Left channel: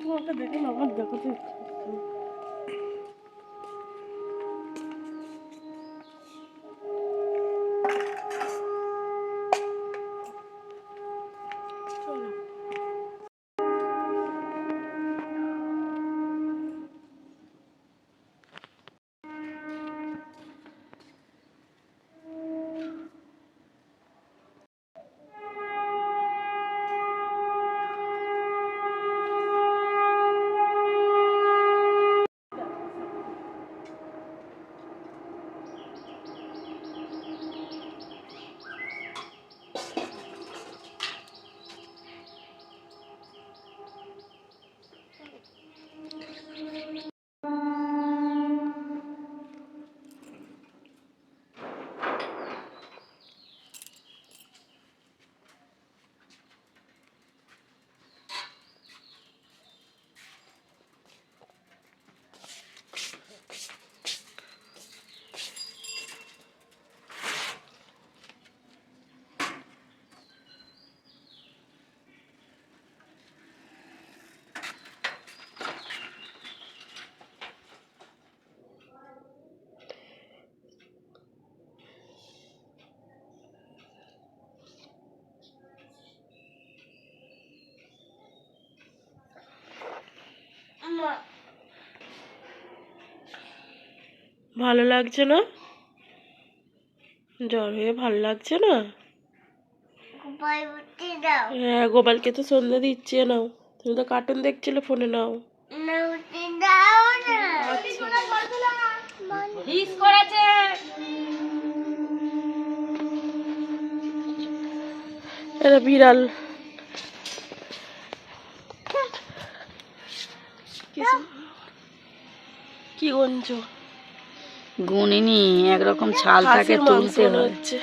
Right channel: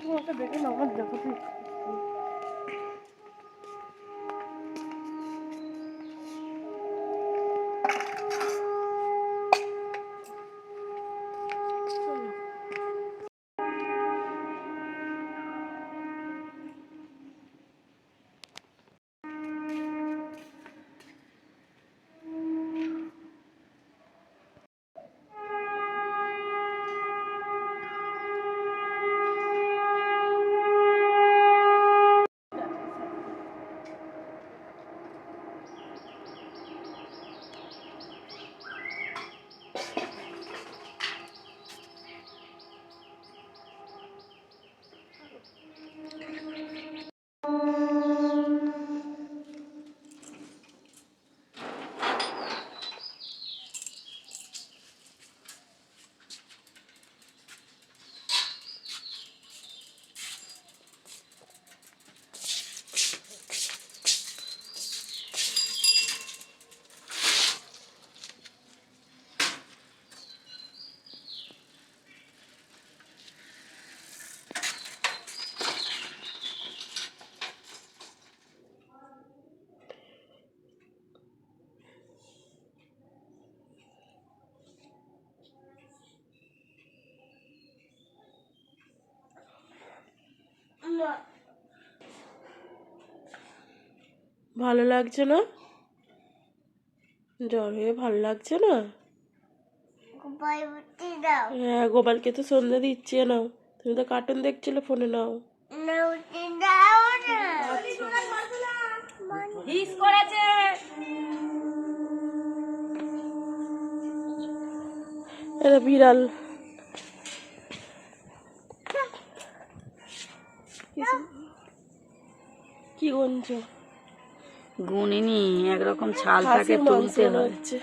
তোমাকে দেখে না আমার দেখাতে ভালো লাগছে না? জ্বর হয়ে ভালো লাগছে না? হ্যাঁ গোপালকে তো সন্ধ্যা দিচ্ছে নাও। তুমি তো কার্টুন দেখছিলে ফোনে নাও। করেছে। এটা বিড়াল। কি গঞ্জ গুনিনি একরকম ছাল থাকে তুলতে হচ্ছে।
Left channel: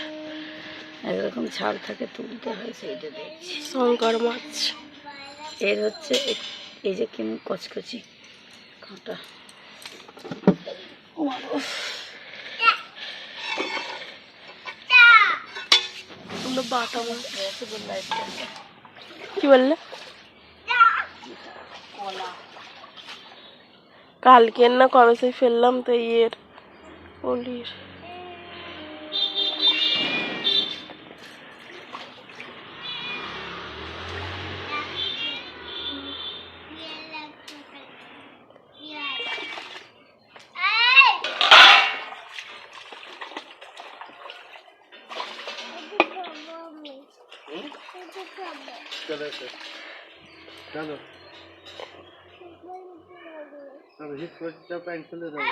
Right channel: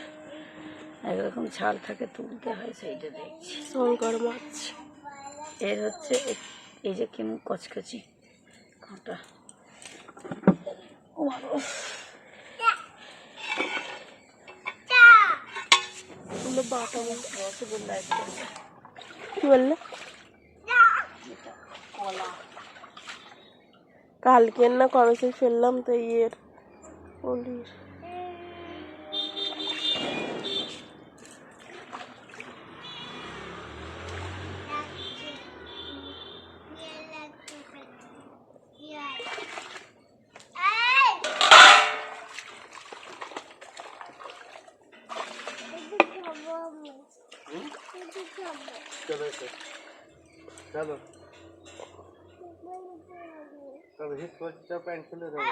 একরকম ছাল থাকে তুলতে হয় সেইটা দেখছি। শঙ্কর মাছ। এর হচ্ছে এই যে কেমন কচকচি কাঁটা। বাটা মাছ। কি বললে? কালকের না কবে সেই ফেললাম তো ইয়ের। ওলির চলো তবে হিট করতে প্যান্ট খুলে দেবো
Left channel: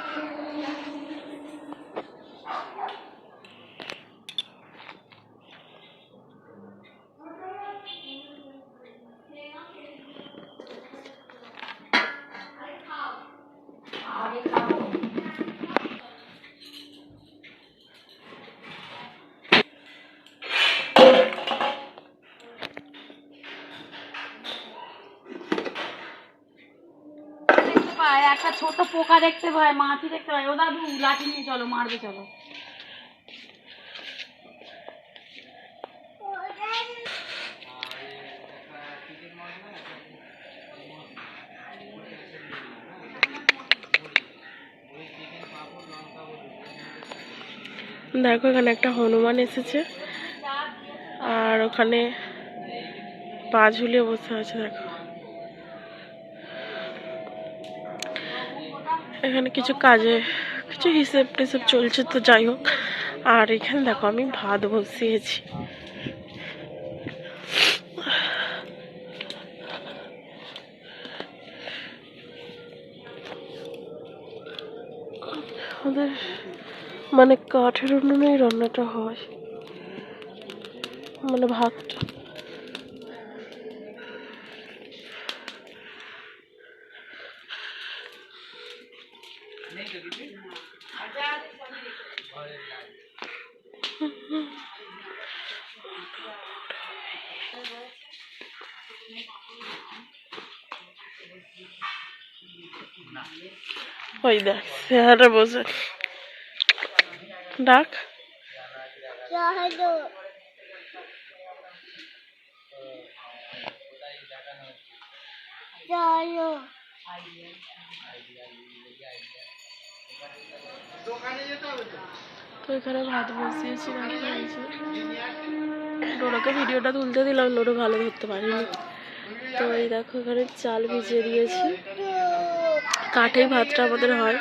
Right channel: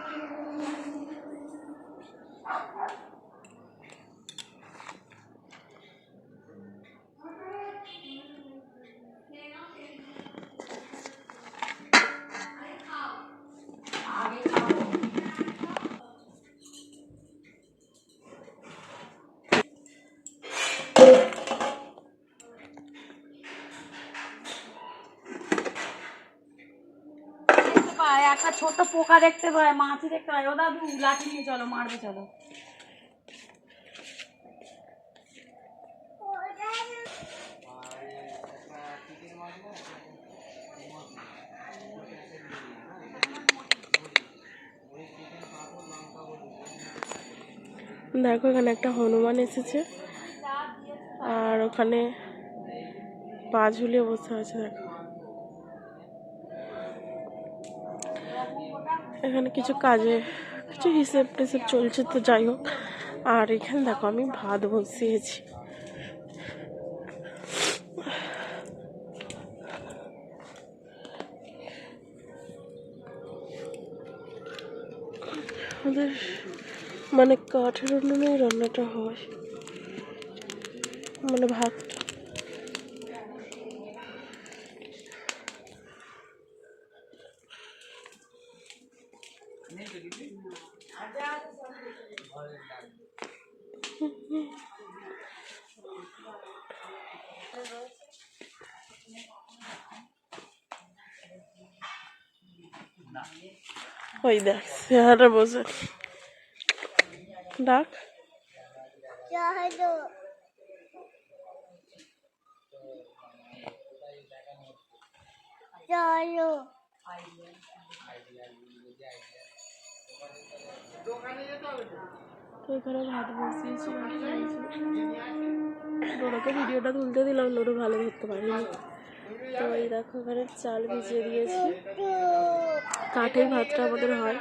পায় একটা ছোট পোকা দেখতে পায়, মাছি দেখতে পায়। ও দাদু, লাঠি নিয়ে চলো, মারবে, চলো। দেখো, এখানে একটা হনুমান এসেছে। আর ওখানে পা ঝুলিয়ে বসে আছে, দেখো। এখানে কিছু কাজে, কিছু হিসেব টিসেব চলছে তো যাই হোক। আর এখানে দেখো আমি ভাত বসিয়েছি। আমাদের মানে কাঠের উনুনেই রান্নাটা হয়। মানে ভাতটা ওই দেখ চেহারা বসে ডাক। চলো তো এখানে ভাত বসিয়েছি ডোরাকে ভিডিওটা তুলতে দিলাম ডোরো ভালো ধরতে পারিনি। তো এই দেখো, এখানে চাল ভিজিয়ে দিয়েছি। কাঠেই ভাতটা আমাদের হয়।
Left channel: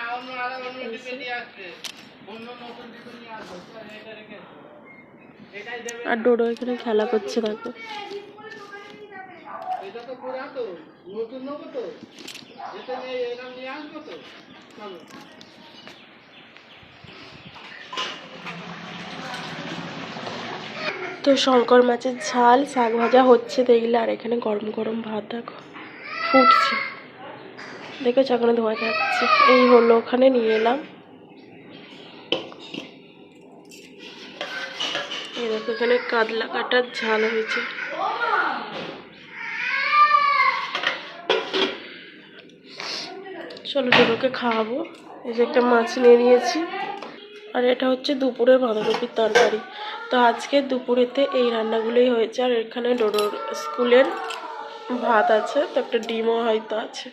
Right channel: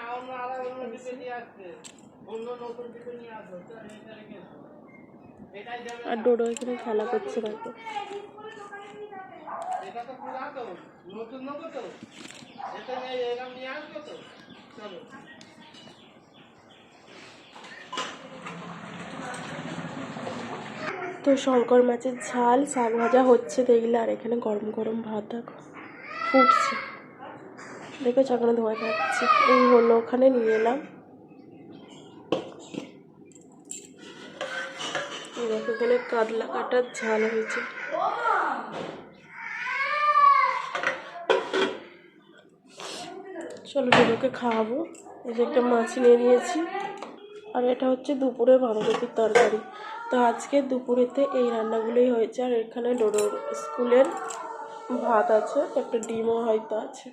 আর ডোডো এখানে খেলা করছে, দেখো। তো শঙ্কর মাছের ঝাল, শাক ভাজা হচ্ছে দেখলে, আর এখানে গরম গরম ভাত, দেখো। ফুটছে। দেখেছ ওখানে ধোয়া যাচ্ছে। এই হলো, ওখানে নিয়ে এলাম। দেখো, এখানে কাতলা কাটার ঝাল হয়েছে। চলো দুটোকে খাওয়াবো। এই যে একটা মাছ নিয়ে নিয়েছি। আর এটা হচ্ছে দুপুরে বাঁধাকপির তরকারি। তো আজকে দুপুরেতে এই রান্নাগুলোই হয়েছে। আর এখানে ডোডোর স্কুলের ভাত আছে, তো একটা ডিমও হয়তো আছে।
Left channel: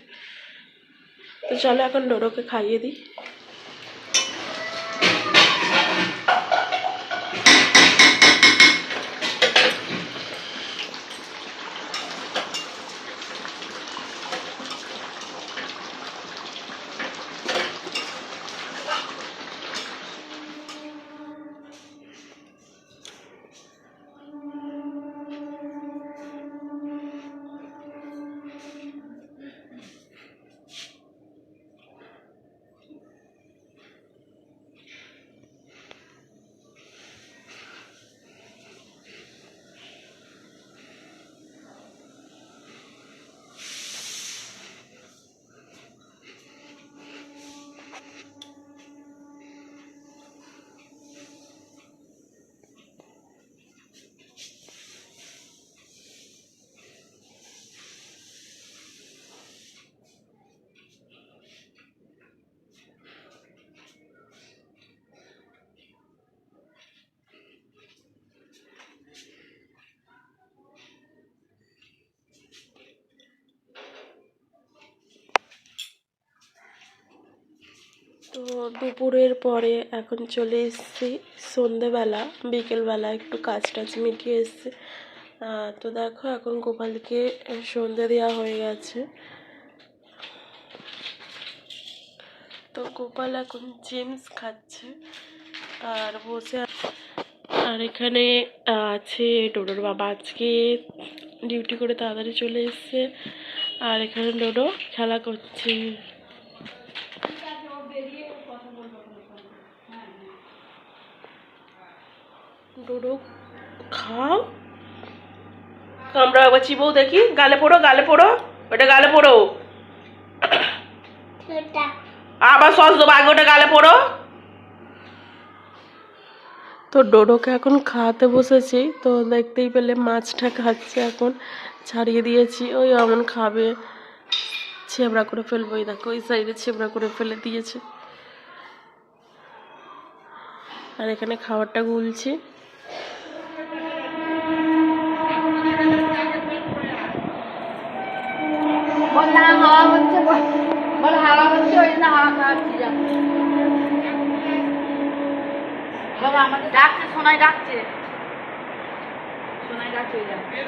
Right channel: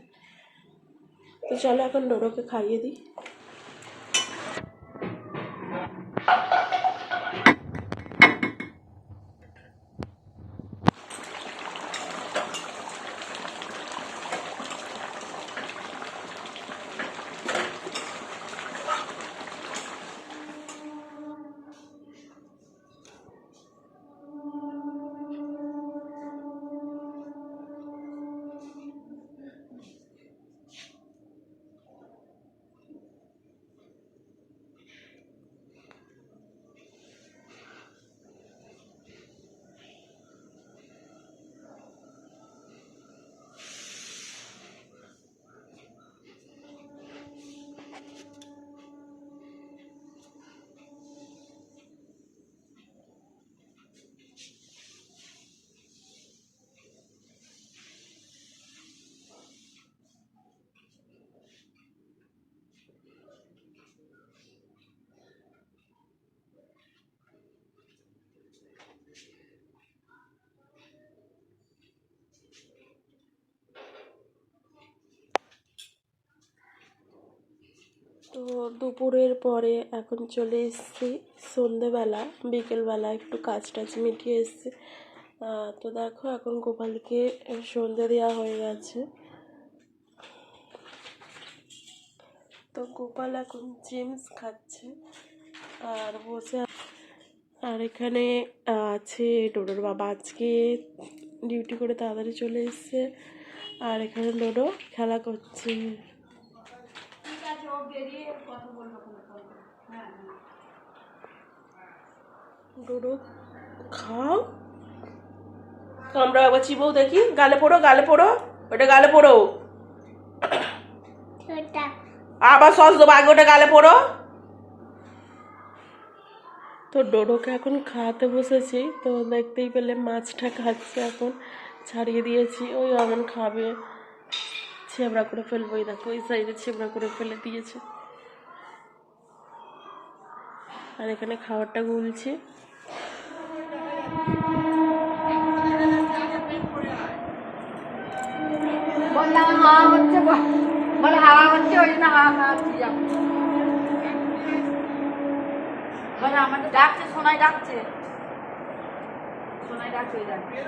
তো চলো এখন ডোডোকে খাইয়ে দিই তো দুপুরের পরে এখন চলে এসেছি সন্ধেবেলা, বিকেলবেলা একটু কাজ টাজ মিটিয়ে এসছে। তো দেখো এখন গোপালকে সন্ধে দেওয়া হয়ে গেছে। তো গোপাল এখন জেমস খাচ্ছে আর বসে আর এখানে আছে ডোডোর বাবা। আজকে ডিউটি করে তাড়াতাড়ি চলে এসছে। আর এখানে ডোডো খেলা করছে। ডোডো খাও। আমরা একবার চিবও দেখি। গালে পড়ো গালে পড়ো। ওটা গালে পড়ো। আবার সস দেবো আগে ওটা গালে পড়ো। তো ডোডোকে এখন খাওয়াতে বসেছি। তো দেখতেই পেলে মাছটা খাচ্ছে এখন। ছাড়িয়ে দিয়েছি। ওই এমন খাবে। ছেবড়া করে ফেলব ওই দেখো ওই সাইডে ছেবড়া করে ফেলে দিয়েছে। আর এখানে খাবারটা গুলছি। বল না হাওয়া হচ্ছে বল হাওয়া হচ্ছে, ওই জন্য হাওয়া খাওয়াচ্ছি আমাদের ডাকছে, সোনাই ডাকছে। সোনাই ডাকছে, ওই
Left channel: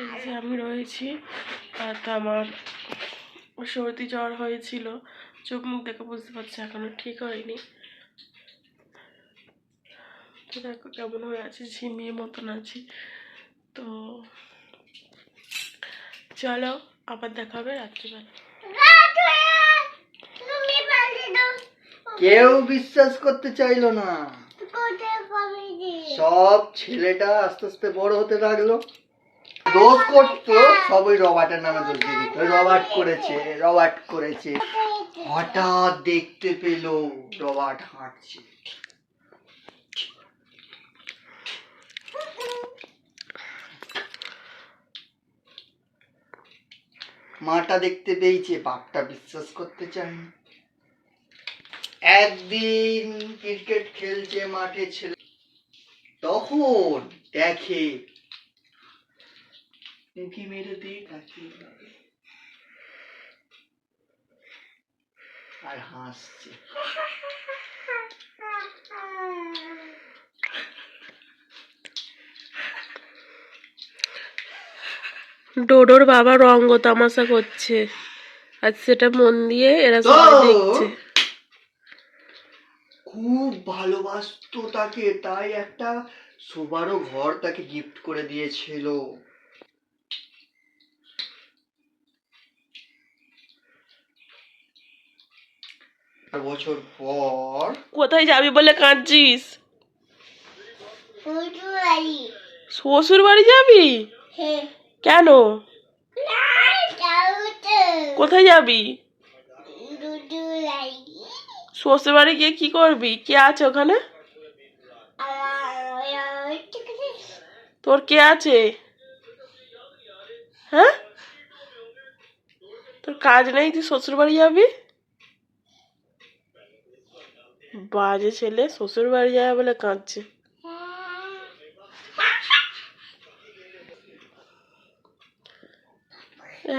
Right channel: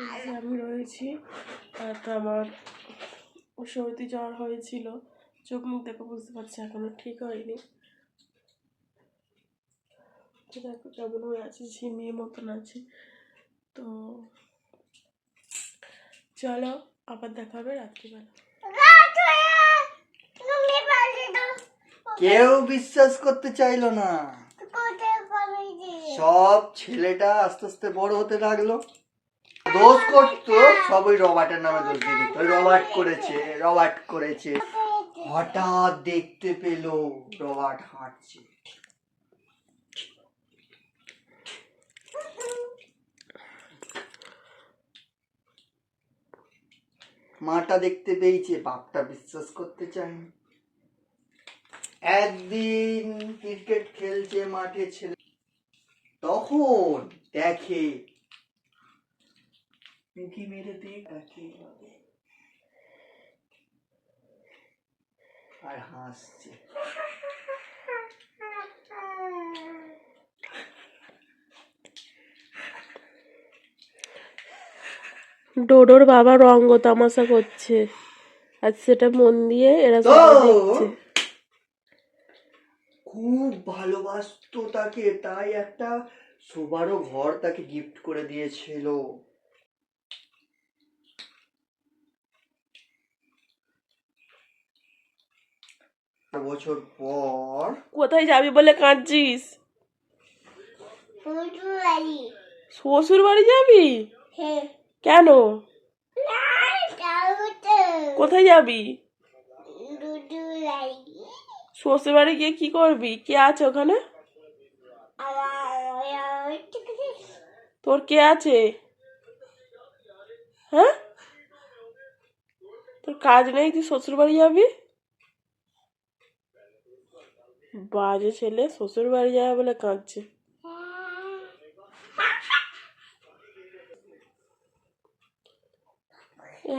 এই যে আমি রয়েছি আর তো আমার সর্দি জ্বর হয়েছিল চোখ মুখ দেখে বুঝতে পারছি এখনও ঠিক হয়নি। তো দেখো কেমন হয়ে আছি ঝিমিয়ে মতন আছি। তো চলো আবার দেখা হবে রাত্রিবেলা। তুমি পাশে দাও। কেউ বিশ্বাস করতে চাইলো না। সব ছেলেটা আস্তে আস্তে বড় হতে লাগল। দোষ করতো সব ওই রবার্টের নামে দোষ দিয়ে দিত। রবার্ট করেছে রবার্ট করেছে। হঠাৎ দেখতে পেল রবার্ট হাঁটছে। মাটা দেখতে পেয়েছে, বাপটা বিশ্বাস করতে চায়নি একদিন ক্রিকেট খেলছে মাঠে ছেলে দেখে। উঁকি মেরে দিয়ে তাকিয়ে আর হাসছে। ডোডোর বাবা রঙ্গ তামাশা করছে। আর সেটা মন দিয়ে এরা সবাই দেখছে। খুব ভালোবাসতো তাকে তাই একটা শোবারও ঘর তাকে গিফট করে দিয়েছিল। বছর পর কোথায় যাবি বলে কাঁদছিস? শ্বশুর বাড়ি যাবি? হ্যাঁ। কেন? কোথায় যাবি? শ্বশুর বাড়ি গিয়ে কি করবি? কে আছে ওখানে আর ঠিক আছে তোর কে আছে? হ্যাঁ? তোর কাজ নেই, তুই শ্বশুর বাড়ি যাবি? বাজে ছেলে শ্বশুর বাড়ি যাবে বলে কাঁদছে।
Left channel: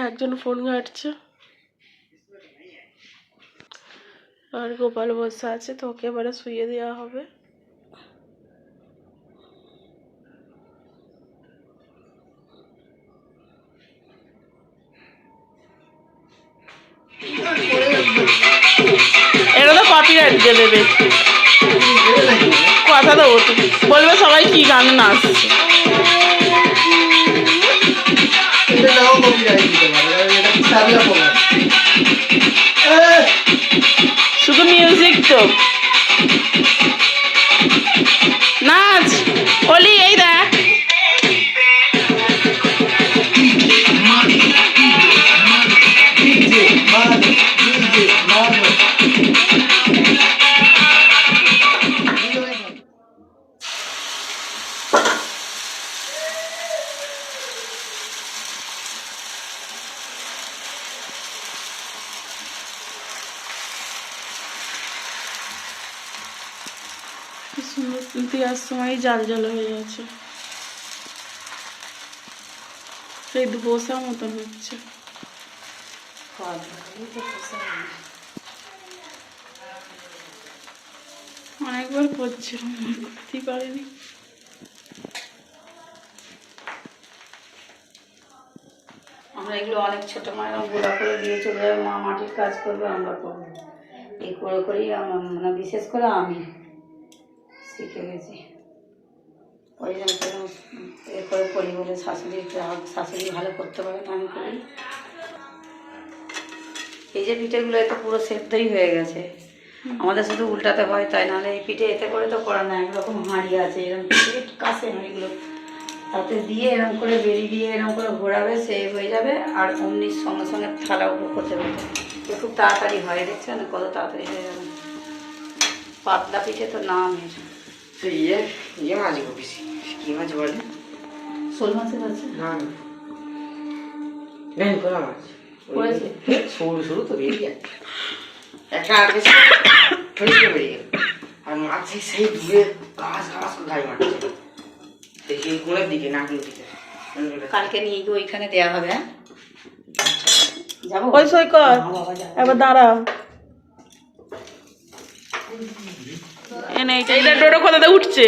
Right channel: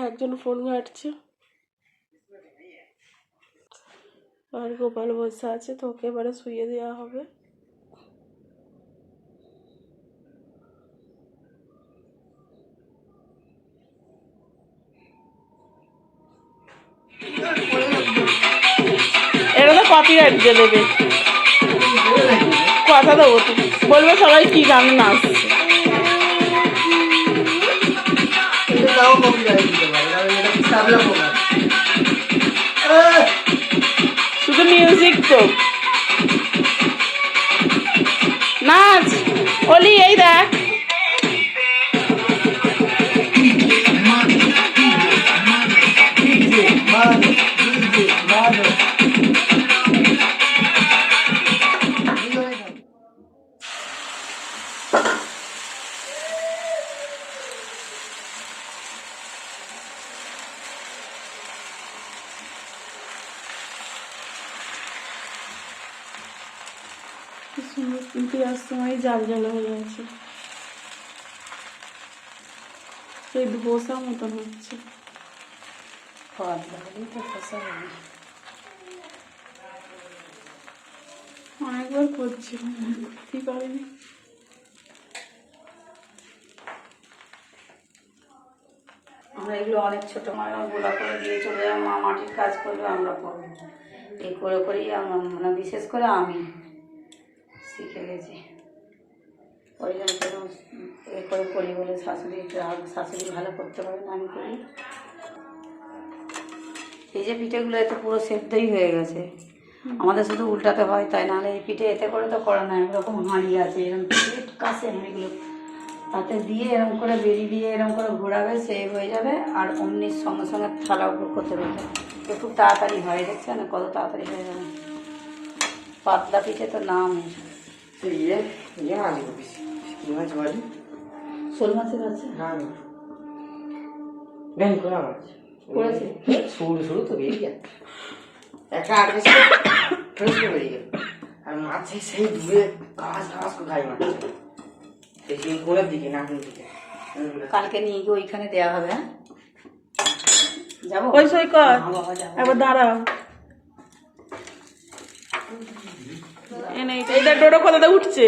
একজন ফোন ঘাটছে। আর গোপাল বসে আছে তো ওকে এবারে শুয়ে দেওয়া হবে। এটা আছে দেবে কথা দেবো তো। বলবে সবাই কি গান প্রোগ্রাম শুধু মিউজিক তো। দেওয়ার সময় জাল জাল হয়ে আছে সেই ধোসা মতন হচ্ছে। অনেকবার করছিলাম করতেই পারিনি। আমরা এগুলো অনেক ছোটো মায়ের গোড়া করে দিয়ে চলে যাবে, মা মাটির কাজ করবে, আমরা করব। এই করে করেই আমার মানে বিশেষ করে আমি। শিখে গেছি। ওই জন্য তখন এ করে করি বলে শাশুড়ি গ্রাহক শাশুড়ি ভালো করতে পারে না আমি করি। এই যে পিঠেগুলো এতে পুরো সেদ্ধই হয়ে গেছে। আমাদের শুধু উল্টাতে হয় তাই নাহলে এই পিঠে এতে করে তো করা না একরকম হাঁড়ি আছে এরকম পিঠে কাছে হাঁড়িগুলো। তাতে দিয়ে এরকম করে বেরিয়ে দিয়ে এরকম করে ঘোরাবে সে হয়ে যাবে আর অমনি সঙ্গে সঙ্গে থালা উপর করতে পারবে খুব তাড়াতাড়ি হয় দেখছেন কত তাড়াতাড়ি হয়ে যাবে। পাতলা পিঠে তো নাম ইয়ে ইয়ে শোল মাছের আছে না না। ভ্যান করা মাছ করেছে? সরু সরু তো বেরিয়ে একটা আট বছর ফেসকে বেরিয়ে গেল আর মাছ সেই সেই দূরে ঘাস ঘাস করে গায়ে মারছে সেই সেই কোণের দিকে। নাকের দিকে। কালকে নিয়ে গিয়ে ওইখানে দেওয়া হবে হ্যাঁ? যাব? ওই সই কর। হ্যাঁ বাবা যাব এবার দাঁড়া এইটা ডোডো কোথাতে উঠছে?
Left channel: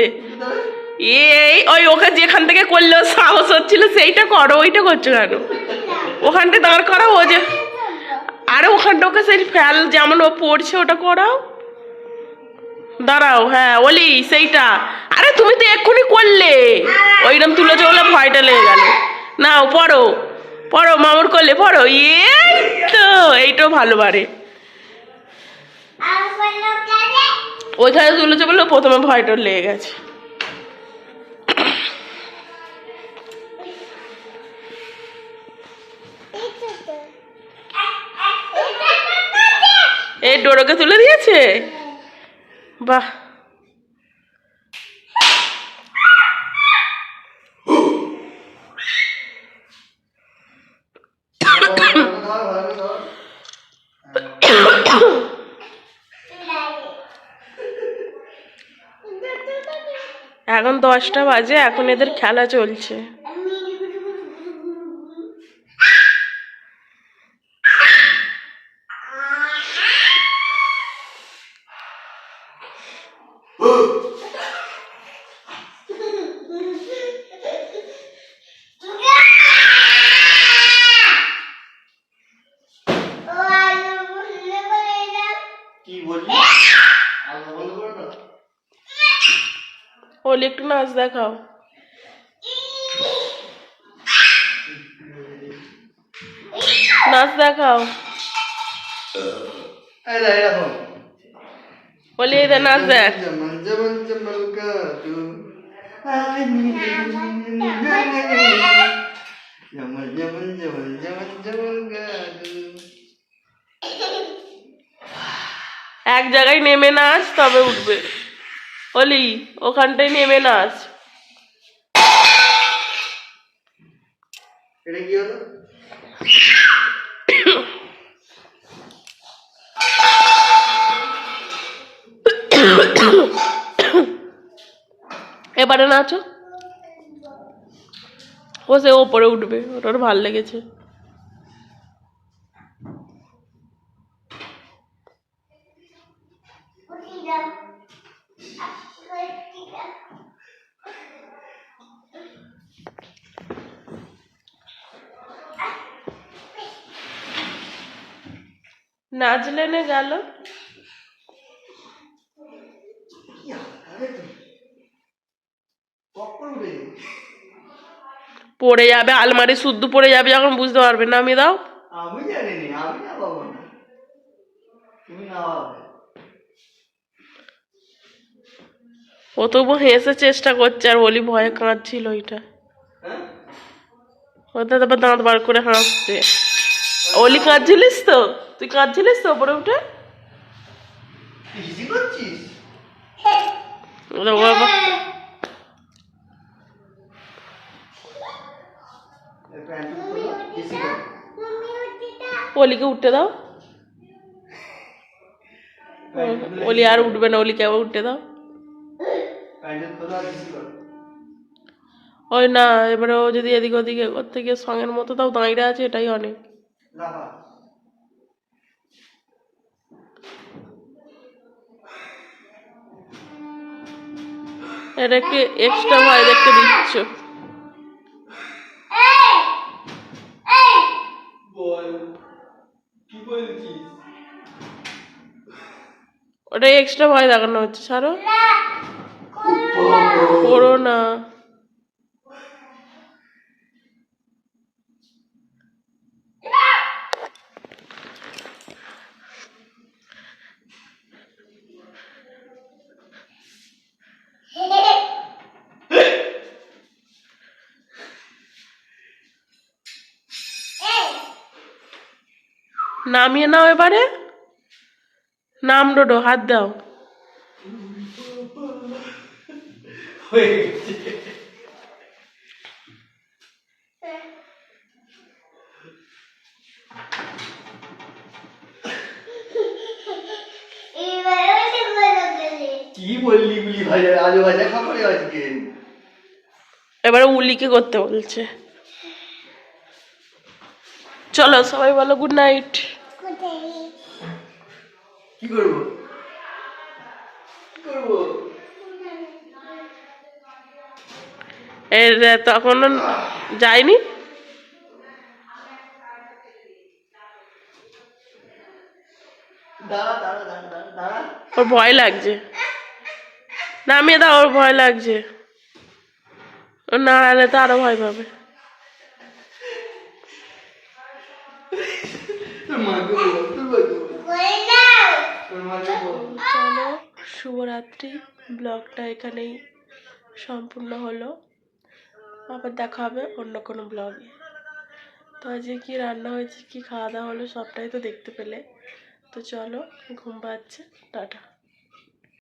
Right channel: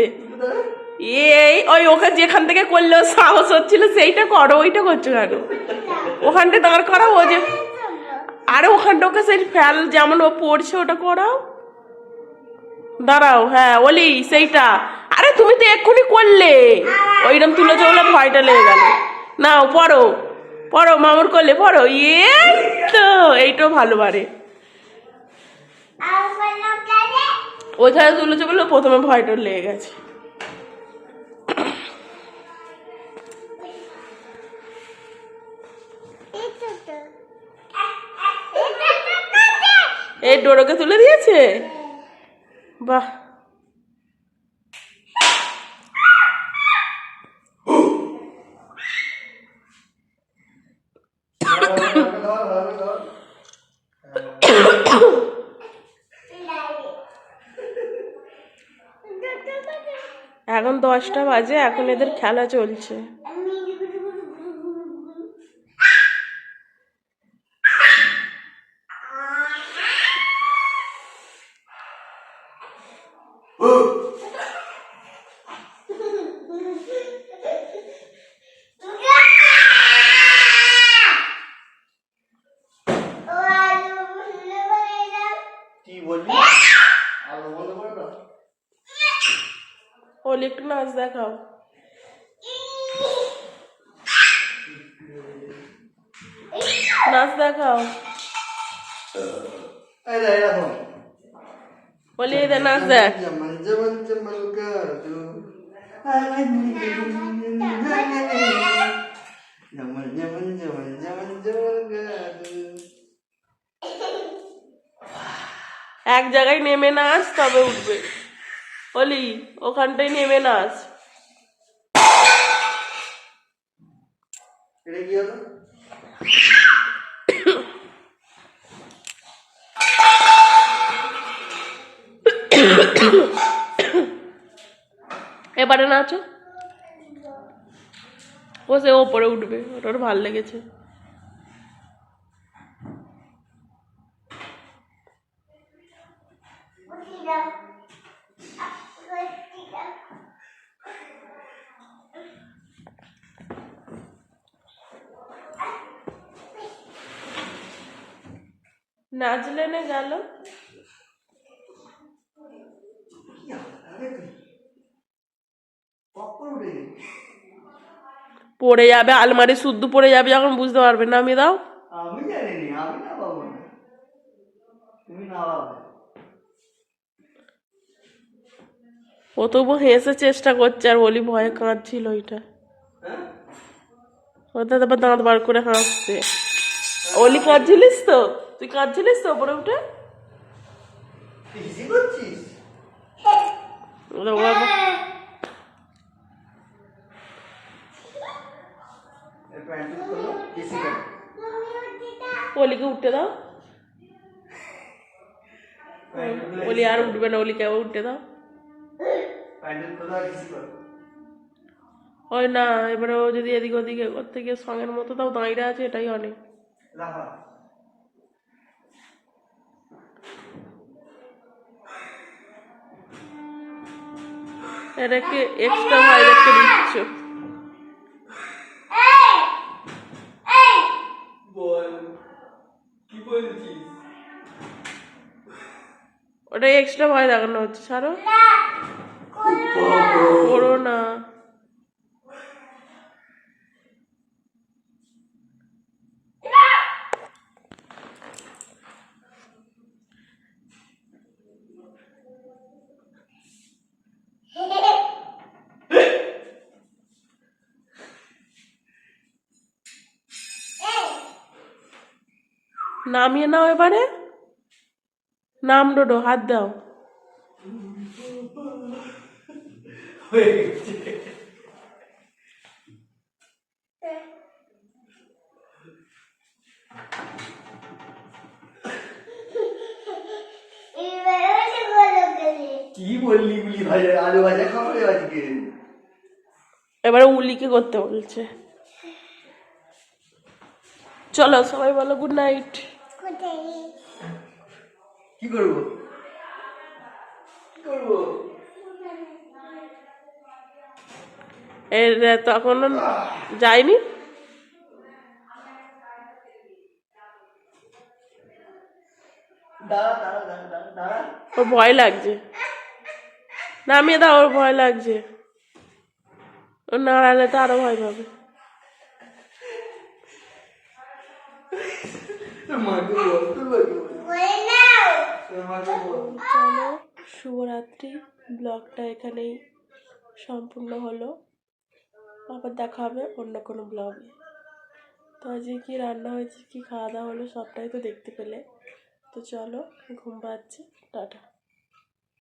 এই, ওই ওকে যেখান থেকে করল সাহস হচ্ছিল, সেইটা করো, ওইটা করছ কেন? ওখানটা দাঁড় করাও, ও যে আরে ওখানটা ওকে সেই ফ্যাল যেমন ও পড়ছে, ওটা করাও। দাঁড়াও হ্যাঁ ওলি, সেইটা। আরে তুমি তো এক্ষুনি করলে। ওইরকম তুলে চলে ভয়টা লেগে গেল। নাও, পড়ো পড়ো, মামুর করলে পড়ো। এই তো, এইটাও ভালো কেন ওইখানে তুলেছে বলে প্রথমে ভয়টা লেগে গেছে। এই ডোরোকে তুলে দিয়েছে? বাহ। এখন দশটা বাজে এখন এদের খেলা চলছে ও আলো বললে বলে দাও কি বললি আলো বন্ধ করে দাও ওলি একটু নাচ দেখাও নাচ দেখাও। ওলি এদের নাচ দেখ। এক জায়গায় নেমে নাচ তবে উঠবে। ওলি ওখানটায় নেমে নাচ। এটা কি হলো এবারে নাচো। ও সে ওপরে উঠবে ওটার ভালো লেগেছে। উঠি নাচলে নে গেল পড়ে যাবে আলমারি শুদ্ধ পড়ে যাবে যখন বুঝতে পারবে না আমি দাও আমি জানি আমি না পাবো না তুমি না পাবে ও তবু হেসে চেষ্টা করছে আর বলি ভয়ে কাঁদছিল ওইটা ওটা তারপর দাঁত বার করে হাসছে ওলি কাঁদছিলিস তো তুই কাঁদছিলিস তো ওপরে উঠে? ওলিকে উঠতে দাও। ওলি আর উঠবে না ওলিকে আবার উঠতে দাও। ওই না এবারে ও যদি এদিক ওদিকে করতে গিয়ে সঙ্গের মতো তাও দাঁড়িয়ে আছে এটাই অনেক। এটাকে এক্সট্রা ভয় দেখতে দিচ্ছ। ওটাই ওটা এক্সট্রা ভয় দেখানো হচ্ছে সারো করো না। নামিয়ে নাও এবারে। নাম ডোডো হাত দাও। এবারে ওঠে বলো কি বললি গুলি ভাজা আলু ভাজা খাবারে আজকে। এবারে উলিকে করতে বলছে। চলো সবাই বলো গুড নাইট কি করব? এর তখন যায়নি? ওর ভয় লাগছে। নামিয়ে দাও ওর ভয় লাগছে। ও নাড়ালে তো আরও ভয় পাবে তোর মাকে বল তোর মাকে বল বলে নাও তোর মাকে বল চলো, শুভরাত্রি। ব্লগটা এখানেই সম্পূর্ণ হলো। আবার দেখা হবে অন্য কোনো ব্লগে। তো আজকে কী রান্না হয়েছে, কী খাওয়া দাওয়া হলো, সবটাই তো দেখতে পেলে। তো চলো, ঘুম পাচ্ছে। টাটা।